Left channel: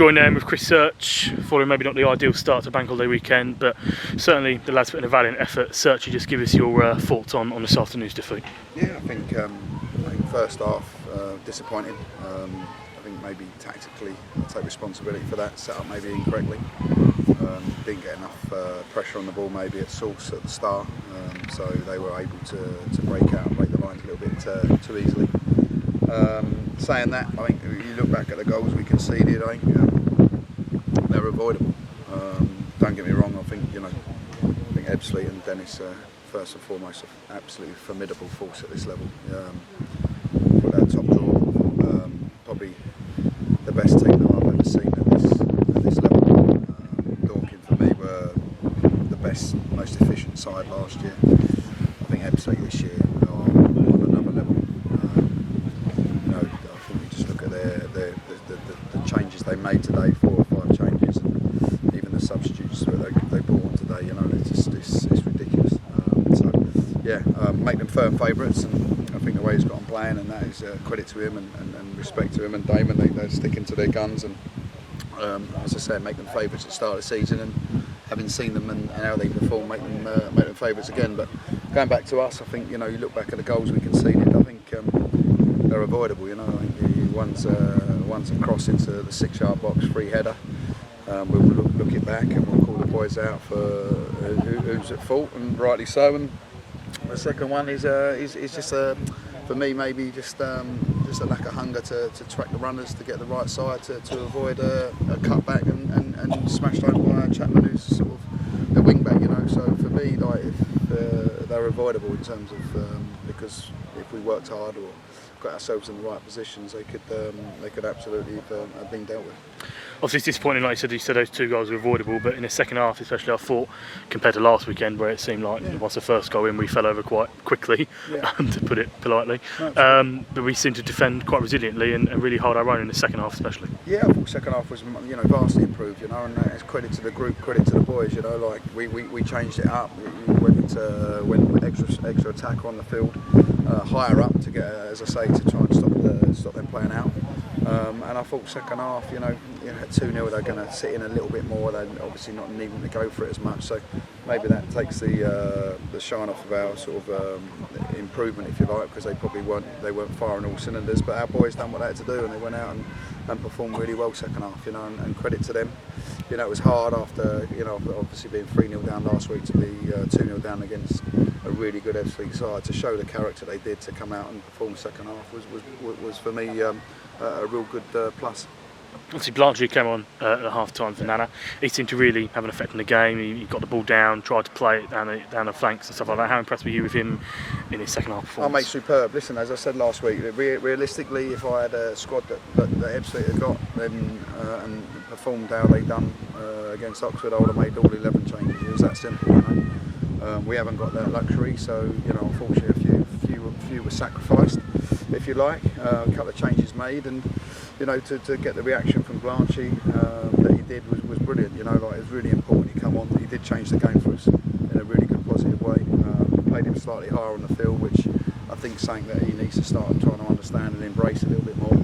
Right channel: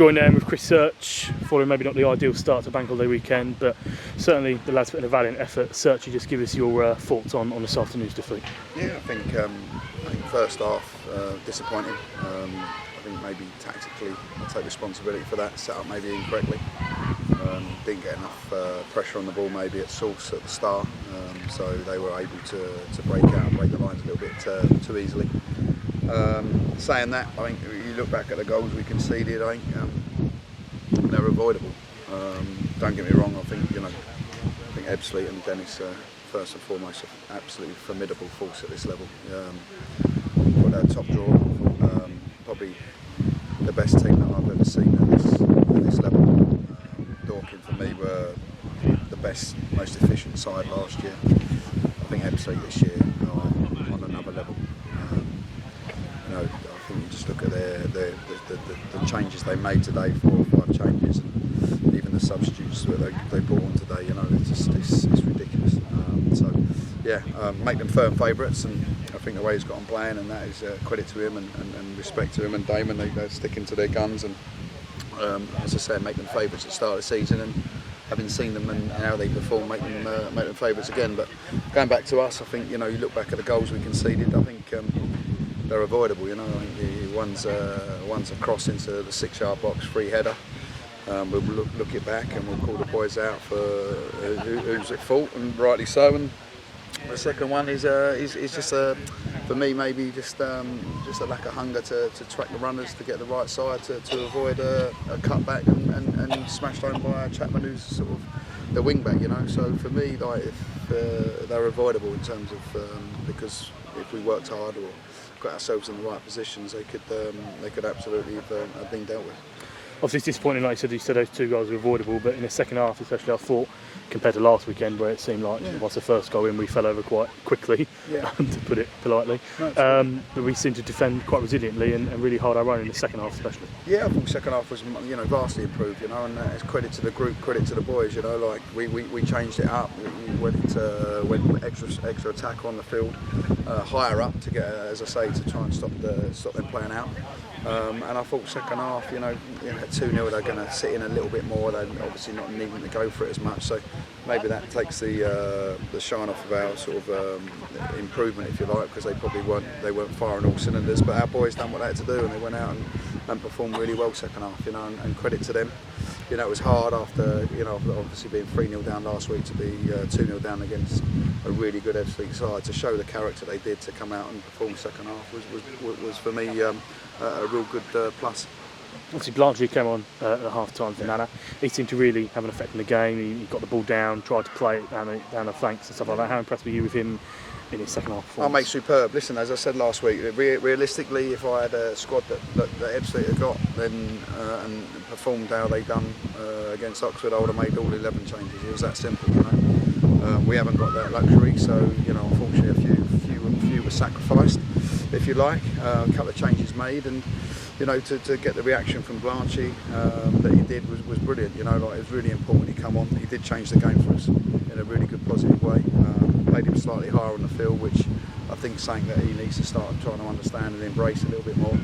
join them with Chris Search, following maybe not the ideal start to Bank Holiday weekend, but certainly the lads put in a valiant effort. Search, you just give us your thoughts on this afternoon's defeat. Yeah, I think first half disappointing. I think maybe tactically I'll take responsibility for that, set up maybe incorrectly. Didn't get enough pressure on the ball maybe at source at the start, so they were able to break out and break the lines a little bit too easily. Saying that, I think you look back at the goals we conceded, I think they're avoidable. Don't get me wrong, I think Ebbsfleet and Dennis first and foremost are absolutely formidable force at this level. Put that top drawer, probably the best team that I've ever seen at this level. Dorking for me were the best, most efficient side last year. I think Ebbsfleet this year are on another level. I think you just look at the changes they made today, 4 or 5 changes, and even the substitutes that they brought on today. It's ridiculous. Make them firm favourites, and I think the way he's got on playing, and that is credit to him and respect to him and Damon. They're sticking to their guns, and as I said, make them favourites at the start of the season, and having seen them and how they perform, make them favourites again. But going back to us, I think you look back at the goals we conceded. I think they're avoidable. I think one's a cross into the 6-yard box, free header. We'll look it back and we'll call the boys out for who's at fault, and rightly so. And the second one is just for me maybe just a lack of hunger to track the runners, to get the right side, to avoid a cutback and smashed home by Chapman, who's sort of the wing back. So for me, they're avoidable in terms of because if we worked hard or got ourselves in the right positions, they could absolutely have been dealt with. Obviously it's disappointing, like you said those 2 goals were avoidable, but in the second half especially I thought, compared to last weekend where it seemed like once the first goal in we fell over quite quickly, to put it politely, but we seemed to defend quite resiliently and really hard our own in the second half especially. Yeah, I thought the second half was vastly improved, and it's credit to the group, credit to the boys, we changed it up, we went extra attack on the field, higher up to get, as I say, to try and stop them playing out. And I thought second half, at 2-0 they're going to sit in a little bit more. They're obviously not needing to go for it as much, so maybe that takes the shine off of our sort of improvement, if you like, because they probably weren't firing all cylinders. But our boys done what they had to do, and they went out and performed really well second half. And credit to them. It was hard after obviously being 3-0 down last week to be 2-0 down against a really good Ebbsfleet side. To show the character they did to come out and perform second half was for me a real good plus. Obviously Blanchy came on at half-time for Nana. He seemed to really have an effect in the game. He got the ball down, tried to play it down the flanks and stuff like that. How impressed were you with him in his second half performance? Oh mate, superb. Listen, as I said last week, realistically, if I had a squad that Ebbsfleet had got then and performed how they done against Oxford, I would have made all 11 changes. It was that simple, We haven't got that luxury, so unfortunately a few were sacrificed, if you like. A couple of changes made, and to get the reaction from Blanchy that he did was brilliant. It was really important he come on. He did change the game for us in a really good positive way. Played him slightly higher on the field, which I think is something that he needs to start trying to understand and embrace a little bit more.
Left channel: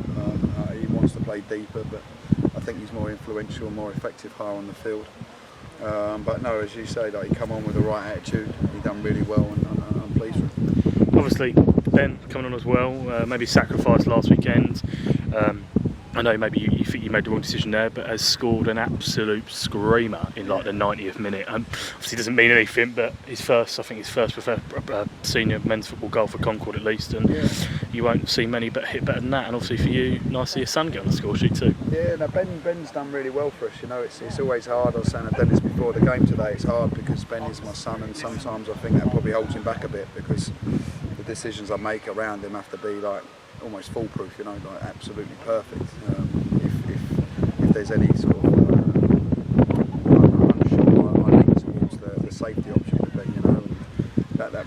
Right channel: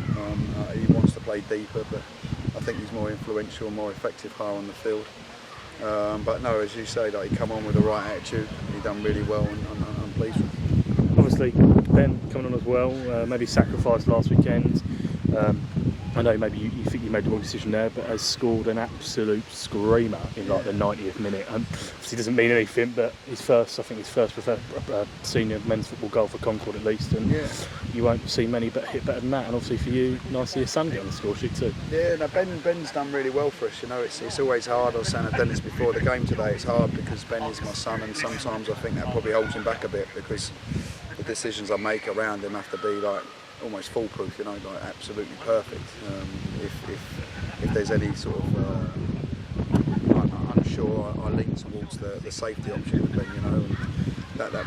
He wants to play deeper, but I think he's more influential, more effective higher on the field. But no, as you say, he come on with the right attitude. He done really well, and I'm pleased with him. Obviously, Ben coming on as well. Maybe sacrificed last weekend. I know maybe you think you made the wrong decision there, but has scored an absolute screamer in the 90th minute. Obviously doesn't mean anything, but his first senior men's football goal for Concord at least, and you won't see many but hit better than that. And obviously for you, nice to see your son get on the score sheet too. Yeah, no, Ben's done really well for us. It's always hard. I was saying to Dennis before the game today, it's hard because Ben is my son, and sometimes I think that probably holds him back a bit because the decisions I make around him have to be almost foolproof, absolutely perfect. If there's any sort of unsure, I lean towards the safety option a bit, and that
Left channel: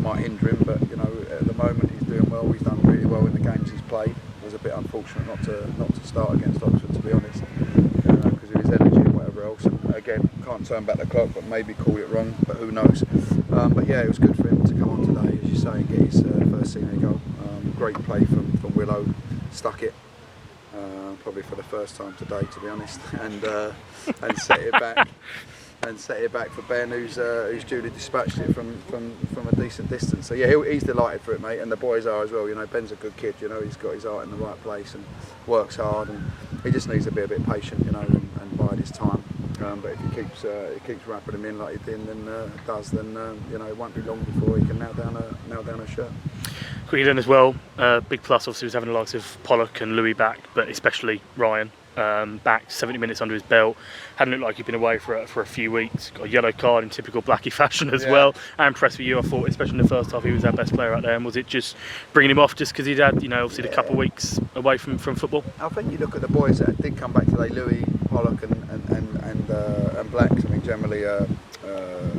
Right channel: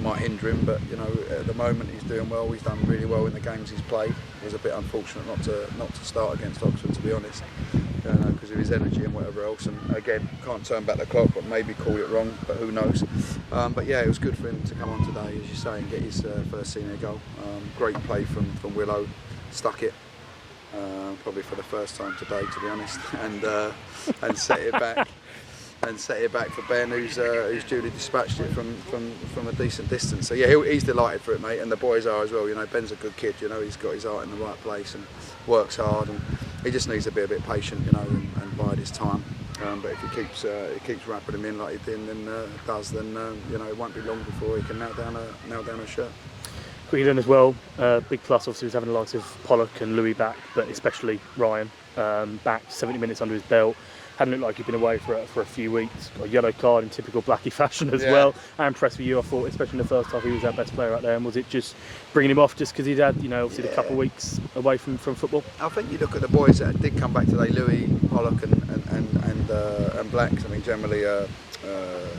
might hinder him. But at the moment he's doing well. He's done really well in the games he's played. It was a bit unfortunate not to start against Oxford, to be honest, because of his energy and whatever else. And again, can't turn back the clock, but maybe call it wrong. But who knows? But yeah, it was good for him to come on today, as you say, and get his first senior goal. Great play from Willow, stuck it. probably for the first time today, to be honest, and set it back. And set it back for Ben, who's duly dispatched it from a decent distance. So yeah, he's delighted for it, mate, and the boys are as well. You know, Ben's a good kid. You know, he's got his heart in the right place and works hard, and he just needs to be a bit patient, you know, and bide his time. But if he keeps wrapping him in like he did, then you know, it won't be long before he can nail down a shirt. Quickly then as well, big plus obviously was having the likes of Pollock and Louis back, but especially Ryan back, 70 minutes under his belt. Hadn't looked like he'd been away for a few weeks. Got a yellow card in typical Blackie fashion as well. I'm impressed with you. I thought, especially in the first half, he was our best player out there. And was it just bringing him off just because he'd had, you know, obviously a couple of weeks away from football? I think you look at the boys that did come back today, Louis, Pollock and Blacks. I mean, generally a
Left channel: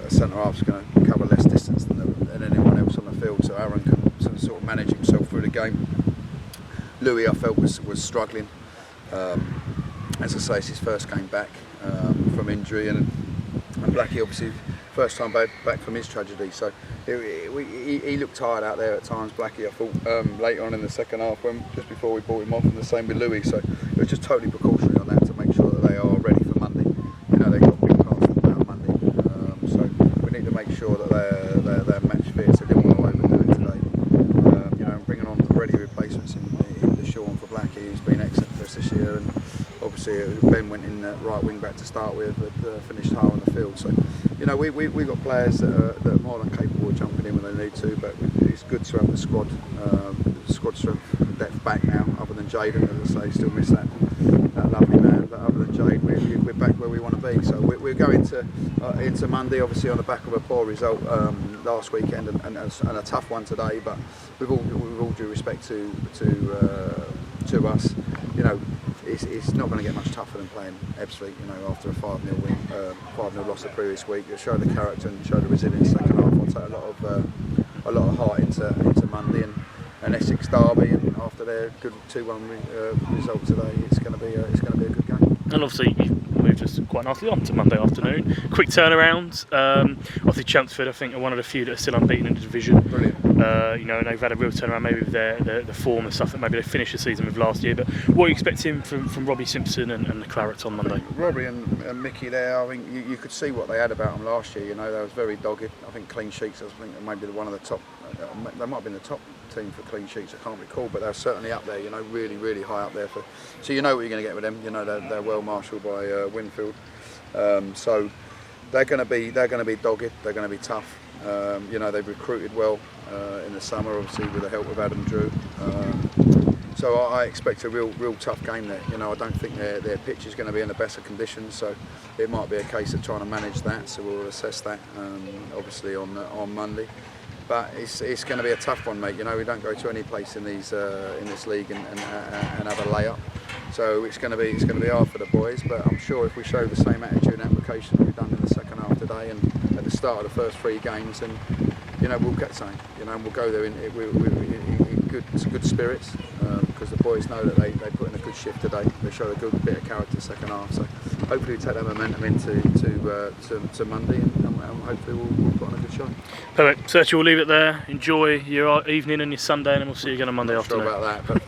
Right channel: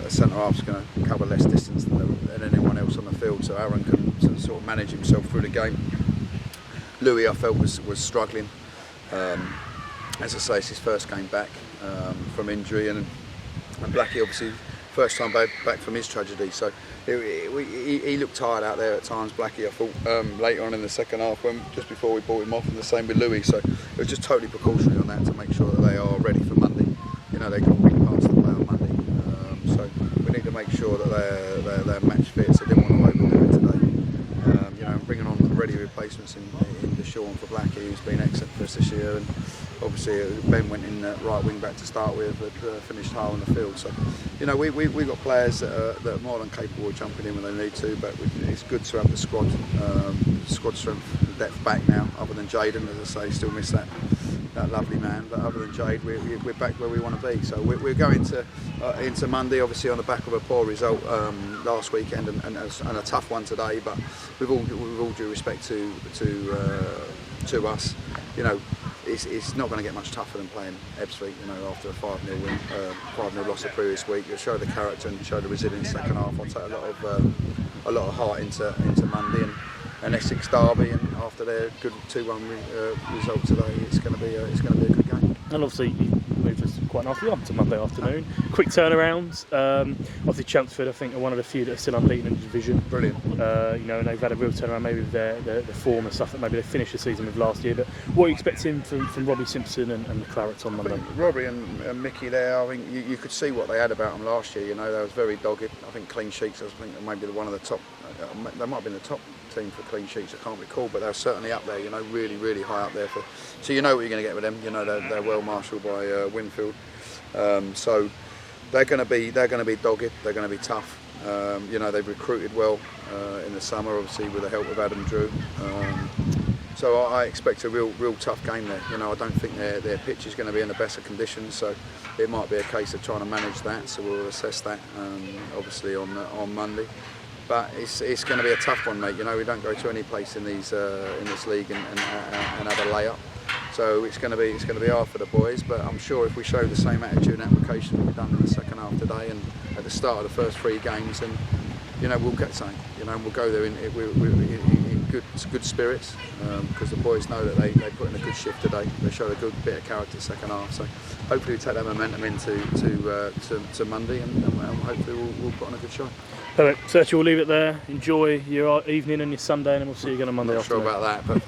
centre half's going to cover less distance than anyone else on the field, so Aaron can sort of manage himself through the game. Louis, I felt, was struggling. As I say, it's his first game back from injury, and Blackie obviously first time back from his tragedy. So he looked tired out there at times, Blackie. I thought later on in the second half, just before we brought him off, and the same with Louis. So it was just totally precautionary on that to make sure that they are ready for Monday. You know, they've got big parts to play on Monday, so we need to make sure that they're match fit. So they didn't want to overdo it today. You know, and bringing on ready replacements in the Sean for Blackie, who's been excellent for us this year, and obviously Ben went in right wing back to start with, but finished high on the field. So, you know, we got players that are more than capable of jumping in when they need to, but it's good to have the squad strength and depth back now. Other than Jaden, as I say, still miss that lovely man, but other than Jade, we're back where we want to be. So we're going into Monday, obviously on the back of a poor result last weekend and a tough one today. But with all due respect to us, you know, it's not going to get much tougher than playing Ebbsfleet, you know, after a 5-0 win, 5-0 loss the previous week. You'll show the character and show the resilience second half. I'll take a lot of heart into Monday and Essex derby, and after their good 2-1 result today, it's going to be a good game. And obviously you moved us quite nicely on to Monday afternoon. Quick turnaround. Obviously Chelmsford, I think, are one of the few that are still unbeaten in the division. Brilliant. You know, and they've had a real turnaround maybe with the form and stuff that maybe they finished the season with last year. But what are you expecting from Robbie Simpson and the Clarets on Monday? Robbie and Mickey there, I think you could see what they had about them last year. You know, they was very dogged. I think clean sheets, I think maybe one of the top, they might have been the top team for clean sheets, I can't recall, but they're certainly up there, you know, really high up there. So you know what you're going to get with them. You know, they're well marshalled by Winfield, so they're going to be dogged. They're going to be tough. You know, they've recruited well in the summer, obviously with the help of Adam Drew. So I expect a real tough game there. You know, I don't think their pitch is going to be in the best of conditions, so it might be a case of trying to manage that. So we'll assess that obviously on Monday. But it's going to be a tough one, mate. You know, we don't go to any place in this league and have a layup. So it's going to be hard for the boys. But I'm sure if we show the same attitude and application that we've done in the second half today and at the start of the first 3 games, then, you know, we'll get something. You know, and we'll go there in good spirits, because the boys know that they put in a good shift today. They showed a good bit of character second half. So hopefully we take that momentum into Monday, and hopefully we'll put on a good show. Perfect. Sergio, we'll leave it there. Enjoy your evening and your Sunday, and we'll see you again on Monday afternoon. Not sure about that, but